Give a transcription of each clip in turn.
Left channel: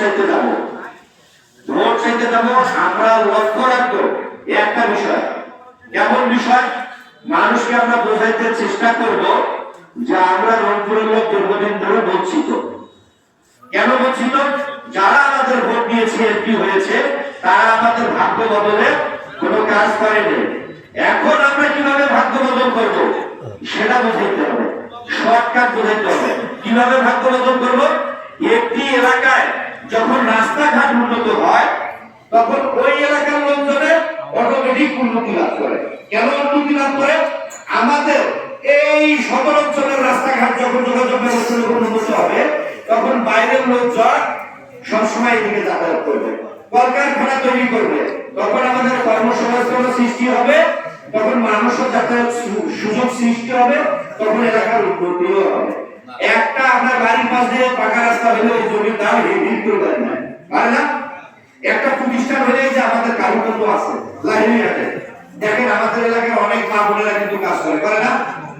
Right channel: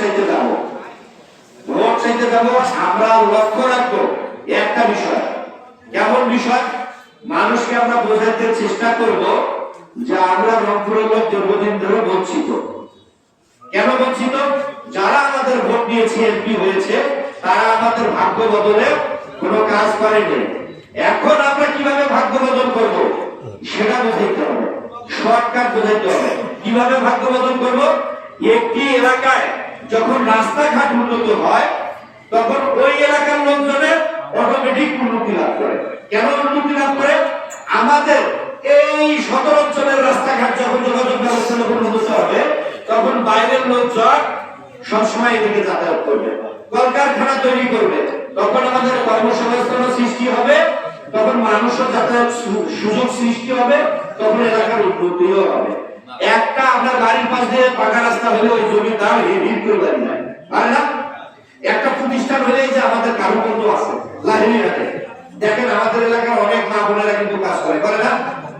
চাইতে যাব, ভোট চাইতে যাব, আমরা লক্ষ্য রাখবো একটা বিষয়। কেমন বিষয়? মানুষকে আমরা বোঝাইতে চেষ্টা করব যে আমরা রংপুরের লোক দীর্ঘদিন ধরে বঞ্চিত। কেন বঞ্চিত? যারা আমাদের ভোট দিয়েছে, এমপি হয়েছে, তারা আমাদের ভাগ্য বদলে কোনো কাজ করেনি। এখন আমরা কিভাবে ভাগ্য বদল করব সেটা বোঝাইতে হবে, শর্টকাট বোঝাইতে হবে। কিভাবে ভাগ্য বদল করব? একটি এলাকায় যখন রাস্তাঘাট উন্নত হয় তখন ওই এলাকার লোকজনের অটোমেটিক উন্নতি লাভ করে। কেন উন্নতি লাভ করে? আমাদের এই সদর অঞ্চলের রাস্তাঘাট যখন যোগাযোগ ব্যবস্থা উন্নত হবে তখন বাইরের লোকজন সবসময় এদিকে যাতায়াত করবে, কলকারখানা তৈরি করবে, তখন আমাদের কর্মসংস্থান সৃষ্টি হবে, তখন মানুষের যাতায়াত সুযোগ সৃষ্টি হবে, তখন এলাকার উন্নতিও হবে। একটা আপনার বাড়ির পাশ দিয়ে পাকা রাস্তা হলে ওই জমির দাম হিট করে দেয় না, পারে না? একটা প্রতিষ্ঠান হলে যে আমাদের কারুকর্ম আছে লাহিড়িঘাটে, দেখেন আমাদের এলাকার অনেক মা বোনেরা কিন্তু কাজ করে না?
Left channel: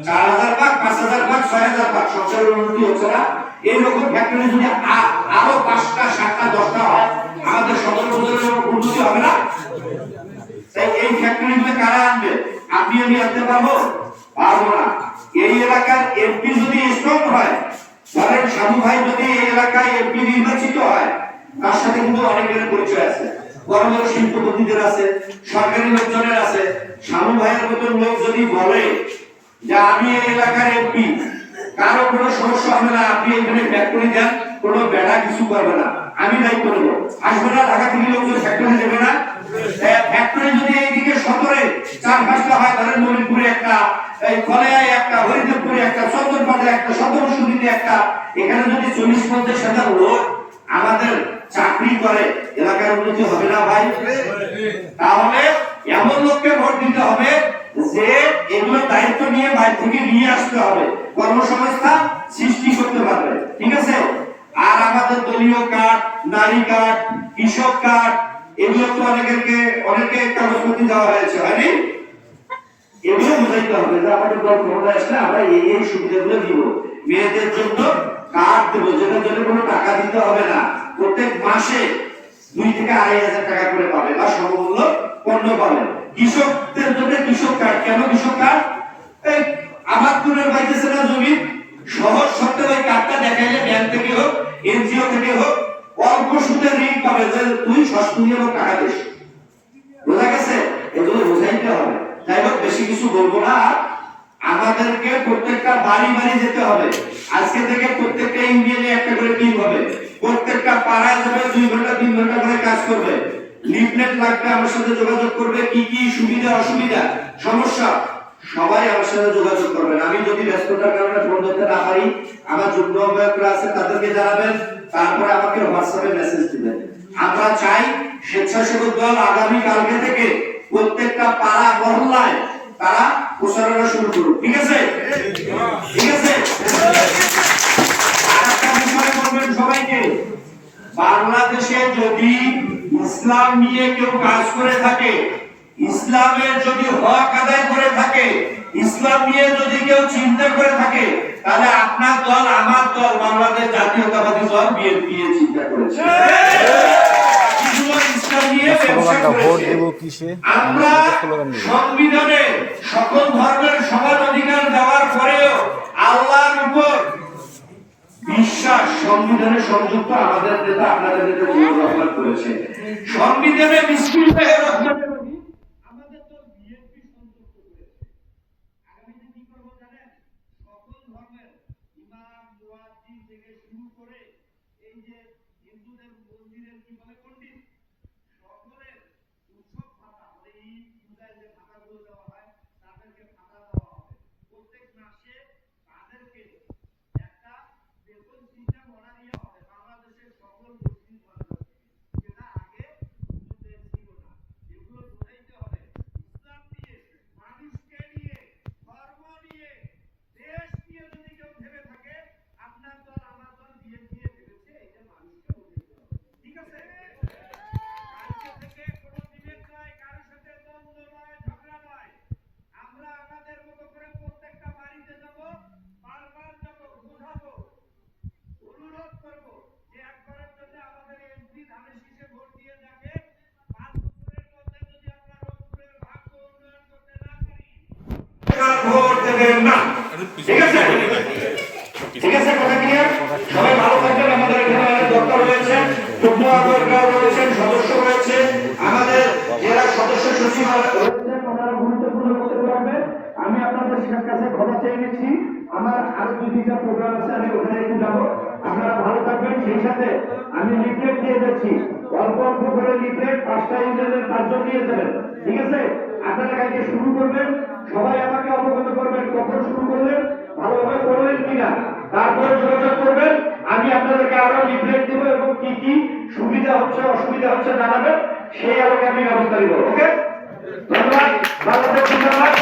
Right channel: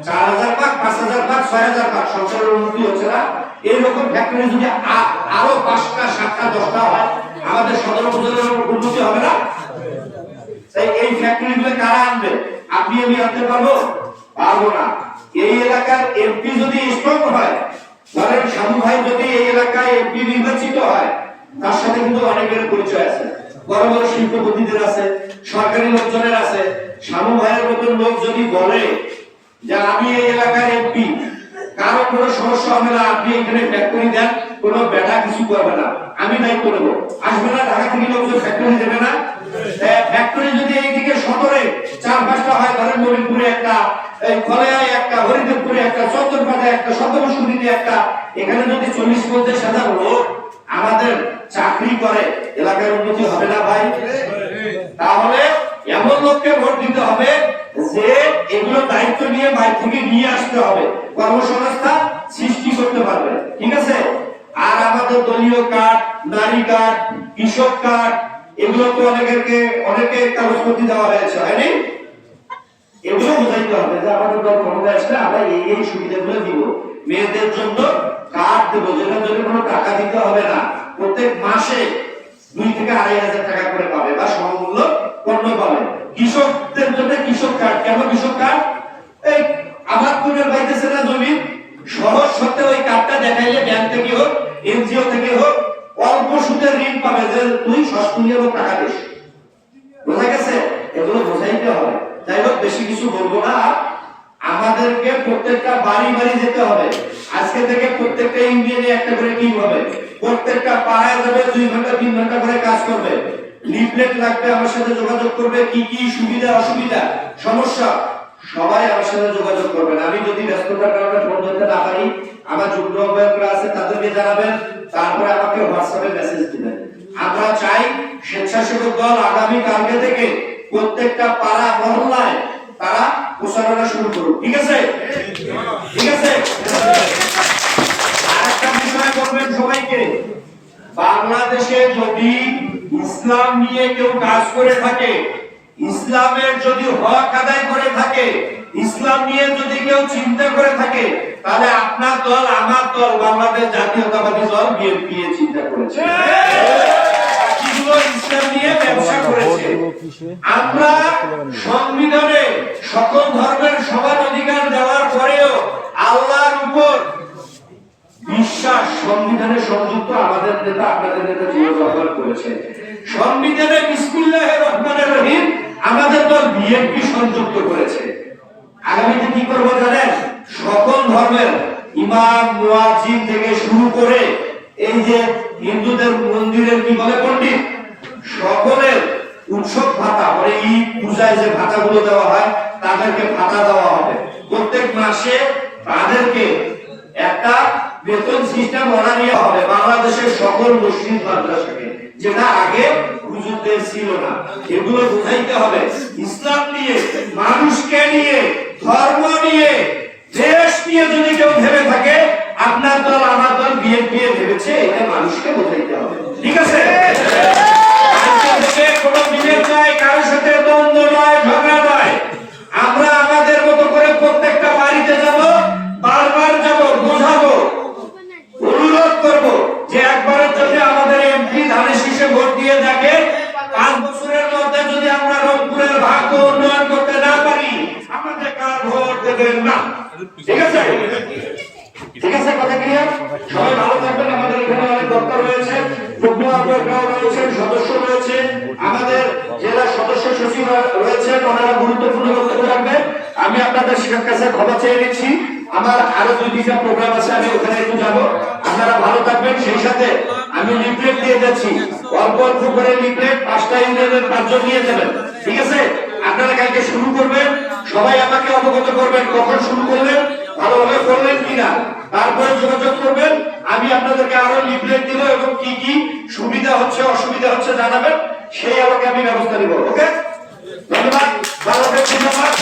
4000 ভাগ, 5000 ভাগ, 6000 ভাগ সংসারের উন্নতি হচ্ছে না। এইরকম ফ্যাক্টরি যদি আরো 5টা 7টা 10টা হয় আমাদের সদর উপজেলার উন্নতি হবে না? তাই এই ফ্যাক্টরিগুলো কারা আনবে? আপনি আমি আনতে পারবো? পারবো না। এই এলাকার এমপি যদি স্ট্রং হয়, ধরেন শামু ভাই যদি এই এলাকায় এমপি নির্বাচিত হয়, তার সাথে কিন্তু অনেকের পরিচয় আছে, বড় বড় শিল্পপতিদের আছে, সরকারি লোকজনের আছে। শামু ভাইয়ের মতন লোক যদি বলে যে আমি এই এলাকার এমপি, কারো কোনো সমস্যা হবে না, আপনি এখানে ফ্যাক্টরি দেন, কোনো বেড়া কিছু করবে না, আমি দায়িত্ব নেব। আসবে না? ঢাকা থেকে লোকজন ফ্যাক্টরি দেবে না? ফ্যাক্টরি যদি এইদিকে সদরে 4-5টা হয়, ধরেন নবীনপুরে একটা, এই খলেয়ায় একটা, হরিদেবপুরে একটা, চন্দনপাড়ায় একটা, সপ্তমশুদ্ধিতে একটা, এখানে যদি 40-50 হাজার লোক আমাদের চাকরি করে, এলাকার উন্নতি হবে না ভাই? তাহলে এমন লোককে ভোট দিতে হবে যে এগুলো দায়িত্ব নিয়ে বাইরে থেকে নিয়ে আসতে হবে, কর্মসংস্থান সৃষ্টি করতে পারবে। ঠিক আছে? আর আমাদের দলীয় কার্ড, নারী কার্ড, কৃষক কার্ড, এগুলো তো অনেকে কাগজপত্র দেওয়া হয়েছে, হয়নি? এগুলো বুঝাইতে হবে যে আমাদের দল ক্ষমতায় আসলে আমরা এই সুবিধাগুলো দিব। মেয়েদের জন্য কার্ড দেব, যেটার জন্য কোনো টাকা দিতে হবে না, প্রত্যেক মাসে 2 থেকে 2500 টাকা করে পাবে বা সমমূল্য পণ্য পাবে। কৃষকদের জন্য কৃষক কার্ড। কেন কৃষক কার্ড? এই আবাদ করে পাইতেছে না জমি, সহজ শর্তে ওই কার্ডটা দেখাইলে ব্যাংক থেকে হোক, এনজিও থেকে হোক, অল্প সুদে ঋণ পাবে, যে তুই সস্তুনি এবং টাকা দিস। বোঝা গেছে? এগুলো বোঝাইতে হবে। যাই হোক, বেশি কিছু বলবো না। আমাদেরকে প্রত্যেকটা বাড়ি বাড়ি যেতে হবে। আজকে থেকে প্রত্যেকটা ইউনিয়নে একটা করে টিম হবে, প্রত্যেকটা পাড়ায় যাবে, 2 ঘন্টা 3 ঘন্টা করে কাজ করবে। লিফলেট লাগবে, আমার সাথে যোগাযোগ করবে, কি কি সুবিধা অসুবিধা সমস্যা সবাই আমার সাথে যোগাযোগ করবেন। আমি যদি ব্যস্ততার কারণে ফোন ধরতে না পারি, আমার যুগ্ম আহ্বায়করা আছে, তাদেরকে জানাবেন, তারপরে আমাকে হোয়াটসঅ্যাপে মেসেজ দিবেন। আমরা চাই স্বেচ্ছাসেবক দল আগামী কালকে থেকে প্রত্যেকটা পাড়া মহল্লায় তারা প্রচারণা শুরু করুক। ঠিক আছে? ঠিক আছে? আরেকটা বিষয় বলবেন সবাইকে, বাংলাদেশে যদি ইসলাম নিয়ে কেউ কাজ করে থাকে, ইসলামের যদি হক আদায় করে থাকে, ইসলাম নিয়ে যদি কেউ চিন্তা করে থাকে, তাহলে আপনার দল, আমার দল, বাংলাদেশ জাতীয়তাবাদী দল বিএনপি চিন্তা করেছে। আমরা সংবিধানে সকল ধর্মের সমান অধিকার দেওয়ার পরেও আল্লাহর উপর বিশ্বাস সংবিধানে সংযুক্ত আমাদের নেতা, আপনাদের নেতা জিয়া রহমান করেছে। সংবিধানে বিসমিল্লাহির রহমানির রহিম আমাদের দল বিএনপি সংযুক্ত করেছে। আগামীতে কি করবো জানেন? সকল ধর্মের ইমাম মুয়াজ্জিন থেকে শুরু করে এই যে হিন্দুদের মন্দিরের কি বলে পণ্ডিত, সকলের উৎসব ভাতা, মানে ঈদ পূজায় যে ভাতাগুলো দেওয়া হয়, তাদেরকে ভাতা দেওয়া হবে। প্রত্যেক মাসে তাদেরকে একটা বেতন সিস্টেম বানিয়ে হবে বাংলাদেশের সকল মুসলিম মাদ্রাসাকে, যেটা আগে হুজুরদের ছিল না। এগুলো বুঝাইতে হবে। ইসলাম নিয়ে, মানুষকে নিয়ে, ধর্ম নিয়ে, দেশ নিয়ে যদি কেউ ভেবে থাকে, আপনার দল, আমার দল বিএনপি ভেবেছে, এটা মানুষকে বোঝাইতে হবে। ঠিক আছে? কোনো বিভেদ নয়, কারোর সাথে দ্বন্দ্ব নয়, ঝগড়া নয়। আমরা আমাদের মতো করে প্রত্যেকটা বাড়িতে যাব, বারবার যাব, বোঝাবো, অনুরোধ করব যে একবারের জন্য আমাদের ভোট দিয়ে দেখে 5 বছরের মধ্যে যদি আমরা রংপুরের ভাগ্য উন্নয়ন করতে না পারি আমাদের কার ভোট দেবেন না। ঠিক আছে, ঠিক আছে, কথা ক্লিয়ার? সবাই ভালো থাকবেন। আমাদের এখানে অনেক বক্তা রয়েছে, যুগ্ম আহ্বায়করাও রয়েছেন, সদস্য রয়েছে, আমাদের জেলা সদস্য সচিব রয়েছেন, ওনারা গুরুত্বপূর্ণ বক্তব্য রাখবেন। আমি আপনাদের শিক্ষক কাছে ক্ষমা চেয়ে নিচ্ছি। আমার আরো 2-3টা প্রোগ্রাম আছে, আমি ওখানে একটু যাবো। আপনারা ভালো থাকবেন। সেই সাথে আমি লিফলেট দিয়ে যাচ্ছি, অল্প অল্প করে লিফলেট 5টা ইউনিয়নের 5 জন নিয়ে যাবেন। ঠিক আছে, আপনারা কালকে শুরু করবেন। সবাই আমাকে অবগত করবেন কখন শুরু করলেন, ভালোভাবে করলেন কিনা, তারপরে যোগাযোগ করবেন। আমি আপনাদেরকে আরো লিফলেট দিব এবং কি কি সুবিধা হচ্ছে অসুবিধা হচ্ছে জানাবেন, সেই আলোকে আমি ব্যবস্থা নিব। ওকে, ধন্যবাদ। ভালো থাকবেন। ধন্যবাদ।